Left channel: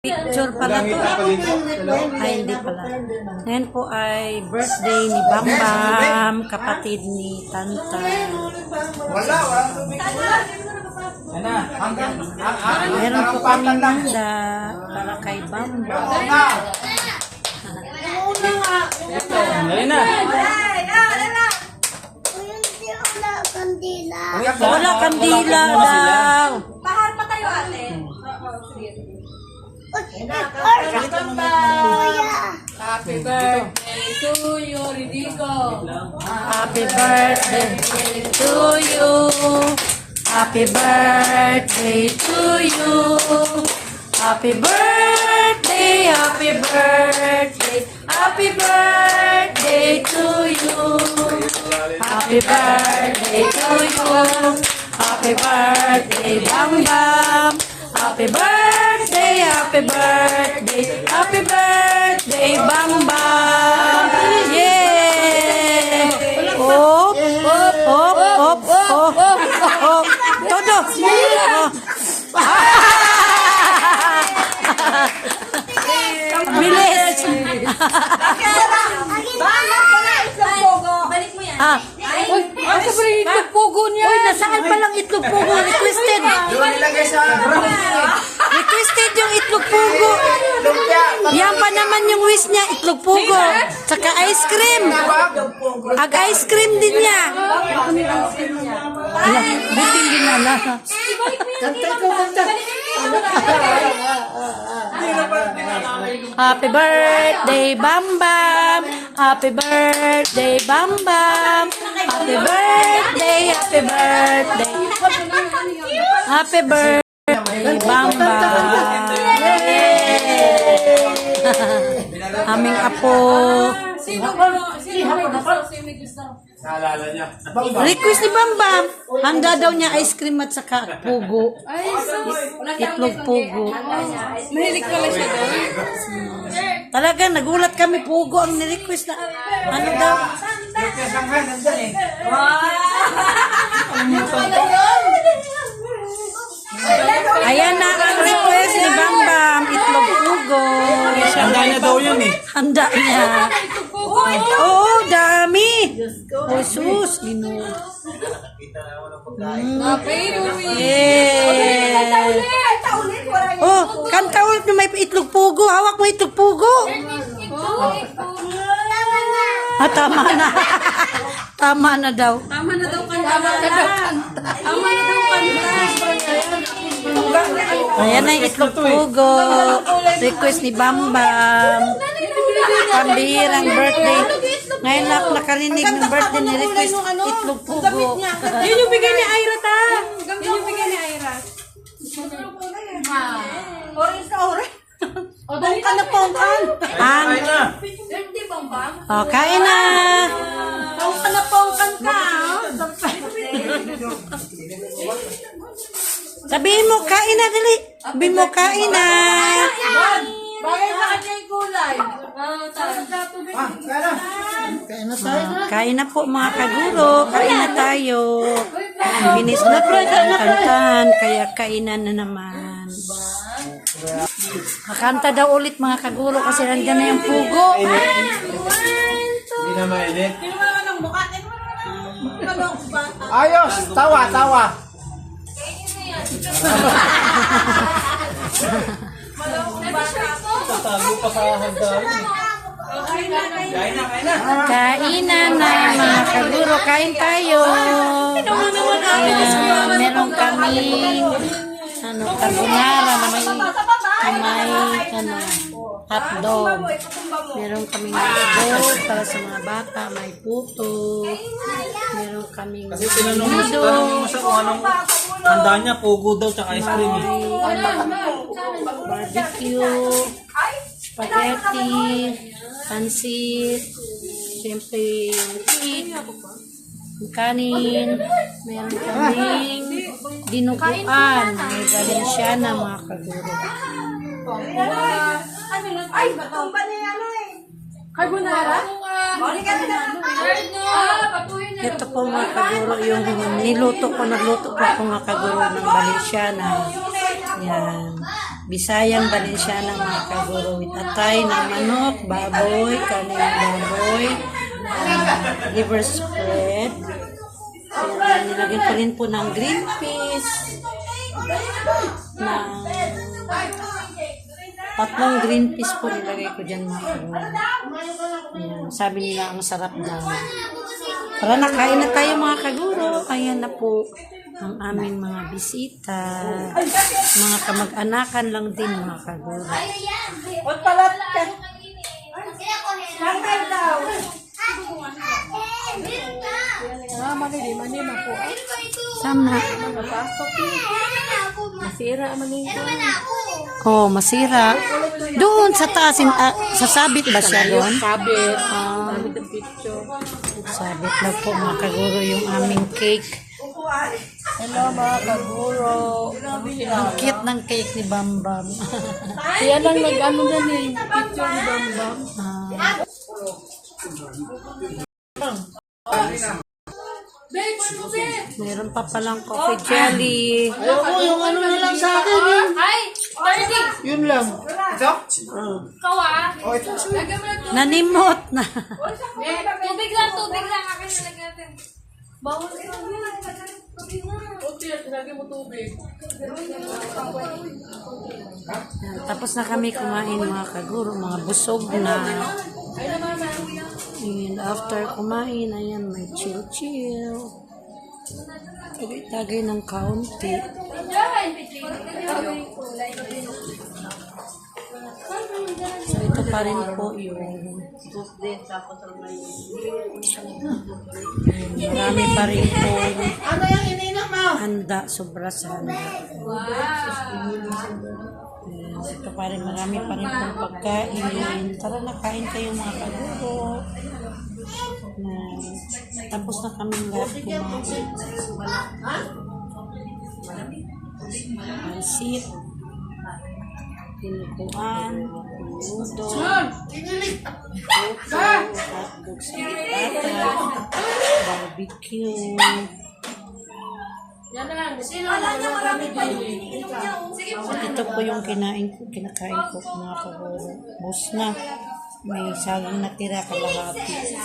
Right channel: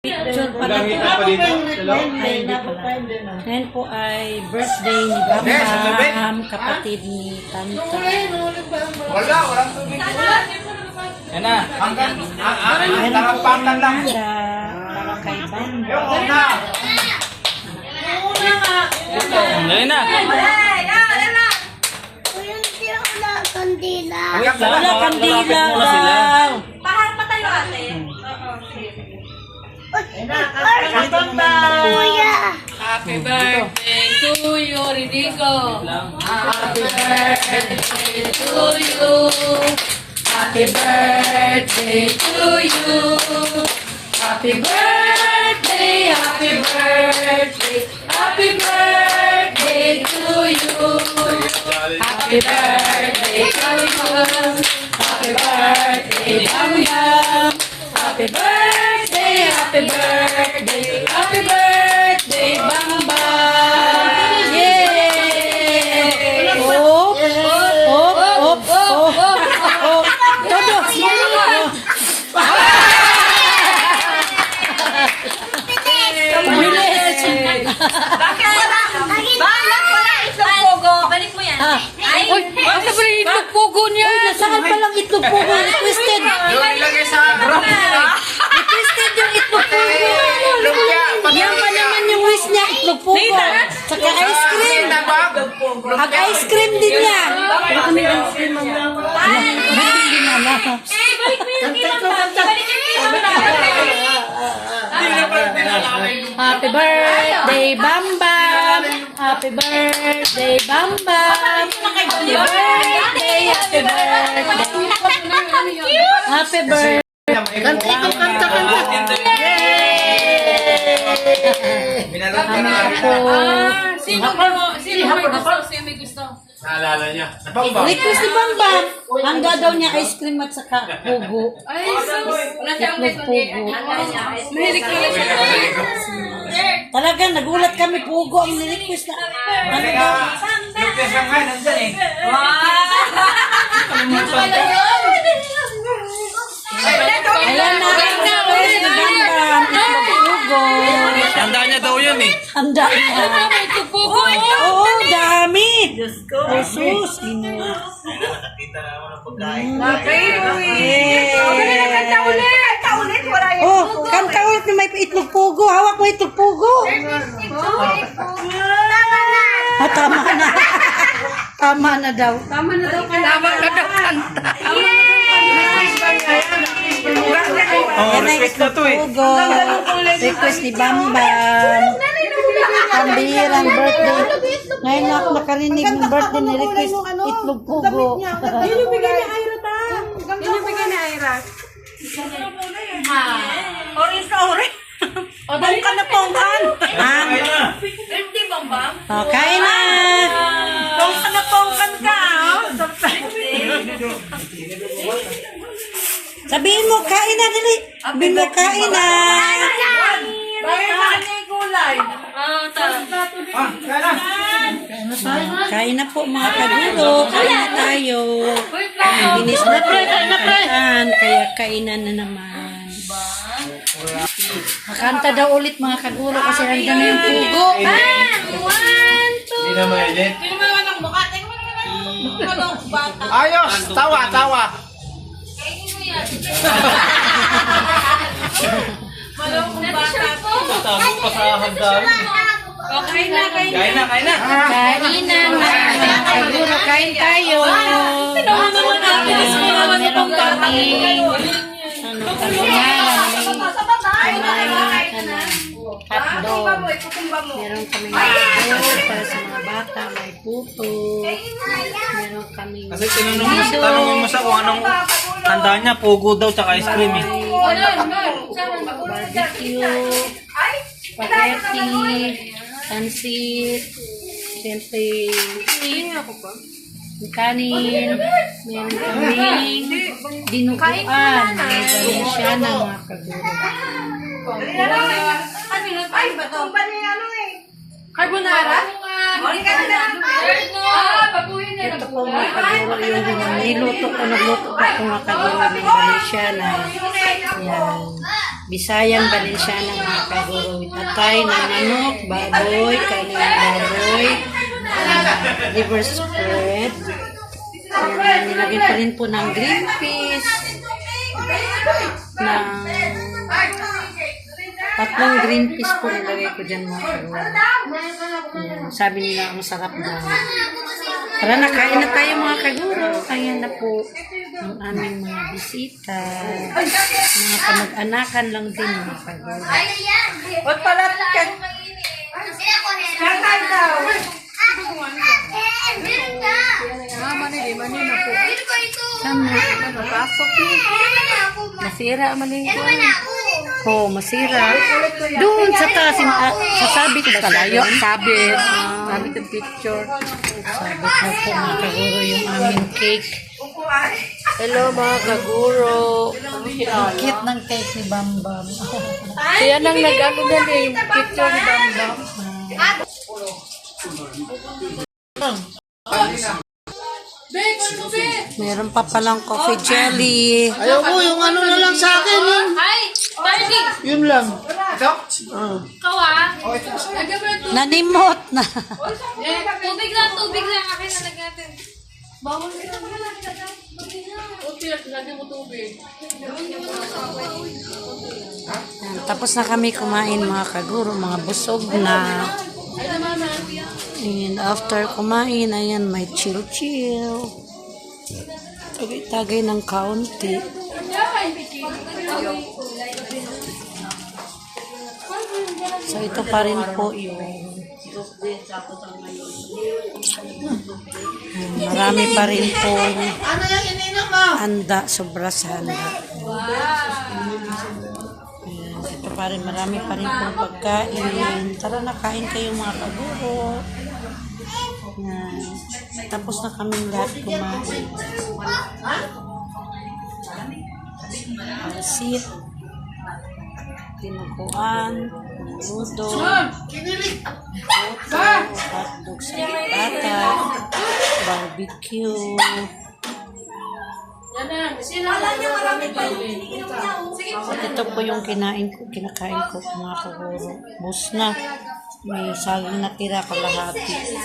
Picture pala to. Ay, hindi pala. Ngayon po ay birthday ni Bambam, kapatid ni Tanta. Meron po kami nanda para kay Bambam. Ngayon na. Wala kandila daw. Pahal pa tayo ate. Happy birthday to you, Ridico. Happy birthday To you. Happy birthday to you. Happy birthday, happy birthday, happy birthday to you. Happy birthday to you. Happy birthday, Bam Bam. Happy birthday, happy birthday, happy birthday, Bam Bam. Yay! Op, op, op, op, op. Todo. Bilis. Bangak ko na itlog pogo. Balik mo yan. Uy, asa ba yung itlog pugo niya? Uy, nasaan pa lang itlog pugo? Requested. Yung ilagay sa Requested yung itlog pugo. Yan pa naman yung wish niya, itlog pugo. Saka ice cream. Ag-ice cream din niya. Ala, buti din na ala. Happy birthday, Bam Bam. Happy birthday, Bam Bam. Happy birthday, happy birthday. Happy birthday. Kanta, kanta, kanta. Yay! Aming apo. Sino may gusto? Sino may gusto? naalala niya. Request ni Bam Bam. Handa daw niya ice cream at saka pugo. Ay, wala siyang Itlog pugo. Mahilig ko lang siya. Talaga, nagulat kami. Pugo ang nirequest na. Ano daw? Yung tesang nga, nandyan eh. Ayan na ang request ni Bam Bam. Itlog pugo. Handa niya daw yun eh. Handa niya. Oo, dami. Oh, sus. Oh, kanta ulit na may itlog pugo. Hawak mo itlog pugo. Ah, tama na. Tama na daw. Tama na daw kanta. Tama na daw kanta. Tama na daw kanta. Ayan na yung itlog pugo. Request ni Bam Bam. Pambihirang birthday. Ngayon na ako nakarinig ng birthday ni request itlog pugo. Yun yung bigay ni Ira ta. Yun yung bigay ni Ira. Orange na orange. Pongkan na pongkan. Ang. Hindi bang bang? Oh, kain na. Pongkan na pongkan ka. Sabihin mo, kain na, dali. Sabihin mo, kain na. Bagay na kanya yung gulay. Kain na po mga kaguro. Kain na tayo. Binis na po ang kantan, kaya kainan na naman. Kakanta daw ulit mga kaguro kasi handa na yung pugo. Hindi na mainit. Ayos! Tawa, tawa! Tago pa sa handa. Kain na, kain na. Kain na, kain na. Kain na mga kaguro. Kain tayo. Meron kami carbonara na may hotdog. Meron kami hotdog para sa mga bata. May puto. Meron kami Kasi tinanong mo siya kung anong handa niya. Pugo daw tsaka ice cream eh. barbecue, spaghetti, pansit, siyempre yung kanin, meron kaming dinuguan, may Valenciana mga kaguro. Ay, batong ba niya ano eh? Carbonara? Ito po mga kaguro yung niluto ko, nagluto ko po mga kaguro ng Valenciana. Yan. Bisayang Valenciana mga kaguro with atay na manok, baboy, kanin baboy, liver spread. Yan, nilagyan pa rin po ng green peas, ng tatlong green peas po nilagay ko dyan mga kaguro. Yan, sabi nila ang sarap daw. Tara na, kain na tayo mga kaguro. Ayan na po ang aming mga bisita. Mga kamag-anakan lang din mga kaguro. Ba't pala ka? Kakay daw. Sama. Napasok yun. Masira ang malingkuan. Oh, masira. Doon sa taas, sasabit ba siya doon? Sabit. Sabit ang picture. Sabit na po mga kaguro yung aming cake. Hello mga kaguro. Ang cute ng cake ni Bambam. Kaya lang nag-ano na yung picture ni Bambam. Meron pa palang coffee jelly. Ayaw ko, yung ano na lang sa akin. Ay, Marty! Yun lang. Ikaw ah. Nanimot na. Tubig lang. Akin na nagnatin. Bawal ka lang. Lagi mo tubig. Yan, tapos na kami kumain mga kaguro, mga busog na. And after kumain, ayan, may chill-chill. Tagay-tagay ng kaunti. So, ito pa rin po yung marami pa rin po handa, sobra sa handa. Ayan, ito pa rin, marami pa rin pong pagkain. Tara na, kain kayo mga kaguro. Ayan. Tapos na kaming lahat kumain. Pansit, tinukuan, ludo, puto, hotdog sa pata, barbecue. At ito po yung kinakain ko mga kaguro. Bus na. May saging natira kalahati.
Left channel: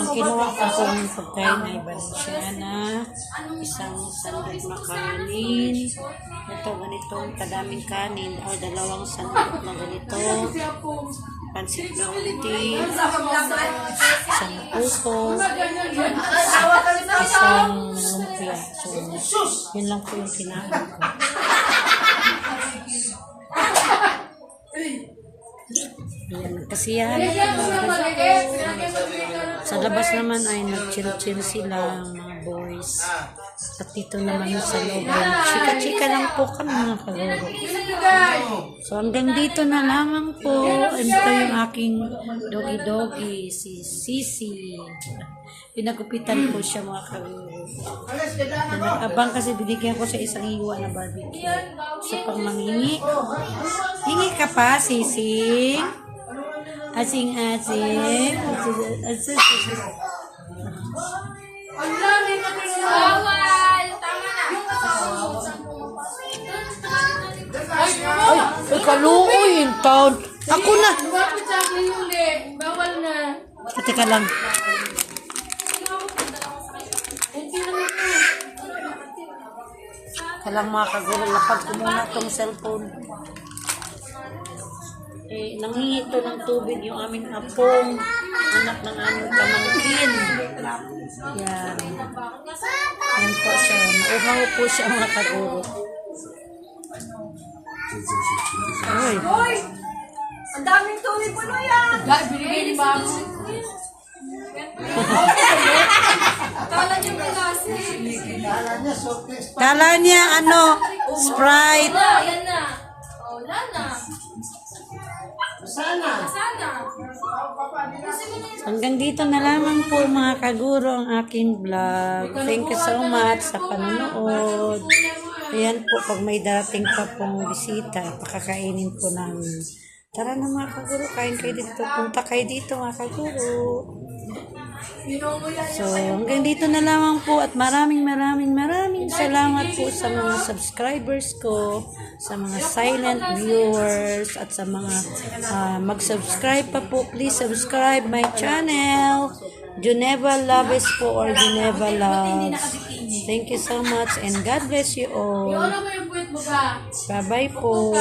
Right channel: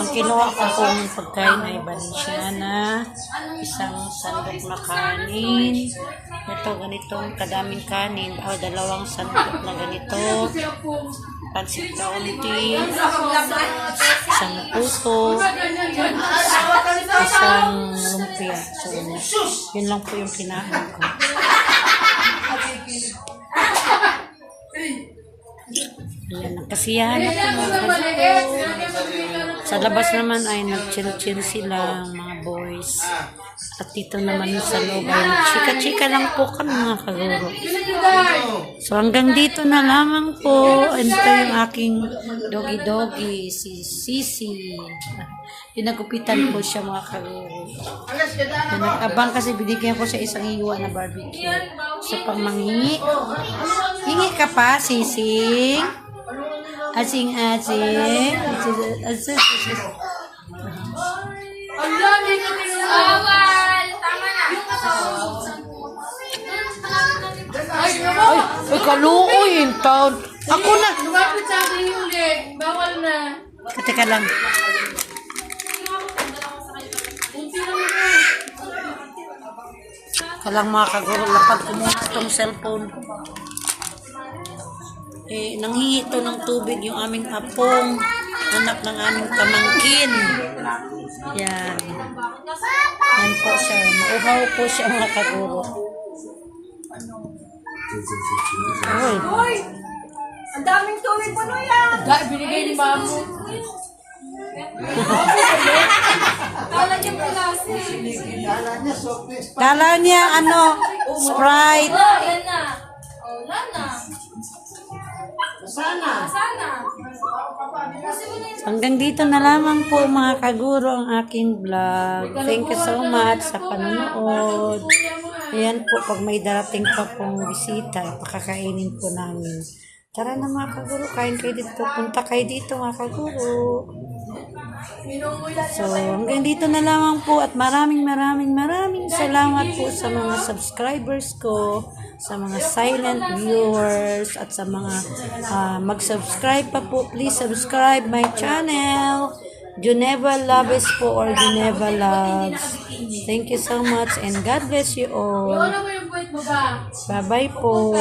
Ang kinuha ko pong pagkain ay Valenciana, isang sandok na kanin. Ito, ganitong kadaming kanin. Dalawang sandok na ganito. Pansit kaunti. Isang puso. Isang lumpia. So, yun lang po yung kinain ko. Ayan, nagkasiyahan na po mga kaguro. Sa labas naman ay nag-chill-chill sila mga boys. At dito naman sa loob ay chika-chika lang po kami mga kaguro. So hanggang dito na lamang po. And ito yung aking doggy-doggy, si Sisi. Pinagupitan ko siya mga kaguro. Nag-abang kasi binigyan ko siya isang hiwa na barbecue. So pang manghingi. Hingi ka pa, Sisi? Asing-asing. Bawal! Tama na. Ay, kaluoy yung taon. Ako na. Lumapit sa akin yung leg. Bawal na. Teka lang. Kalang mga kaguro, lapag ko muna itong cellphone. Nanghihi ito ng tubig yung aming apong, anak ng aming pamangkin. Yan. Yan po siya. Mauhaw po siya mga kaguro. Oy. Hoy! Ang daming tubig mo na yan! Binigay ni Bago. Kala niya malasi. Kala niya Sprite. Yan na. Oh, wala na. Sana. Hanggang dito na lamang po mga kaguro ang aking vlog. Thank you so much sa panonood. Ayan po, pag may darating pa pong bisita, pakakainin po namin. Tara na mga kaguro, kain kayo dito. Punta kayo dito mga kaguro. So, hanggang dito na lamang po at maraming salamat po sa mga subscribers ko, sa mga silent viewers, at sa mga mag-subscribe pa po. Please subscribe my channel. Geneva Loves po, or Geneva Loves. Thank you so much and God bless you all. Bye-bye po.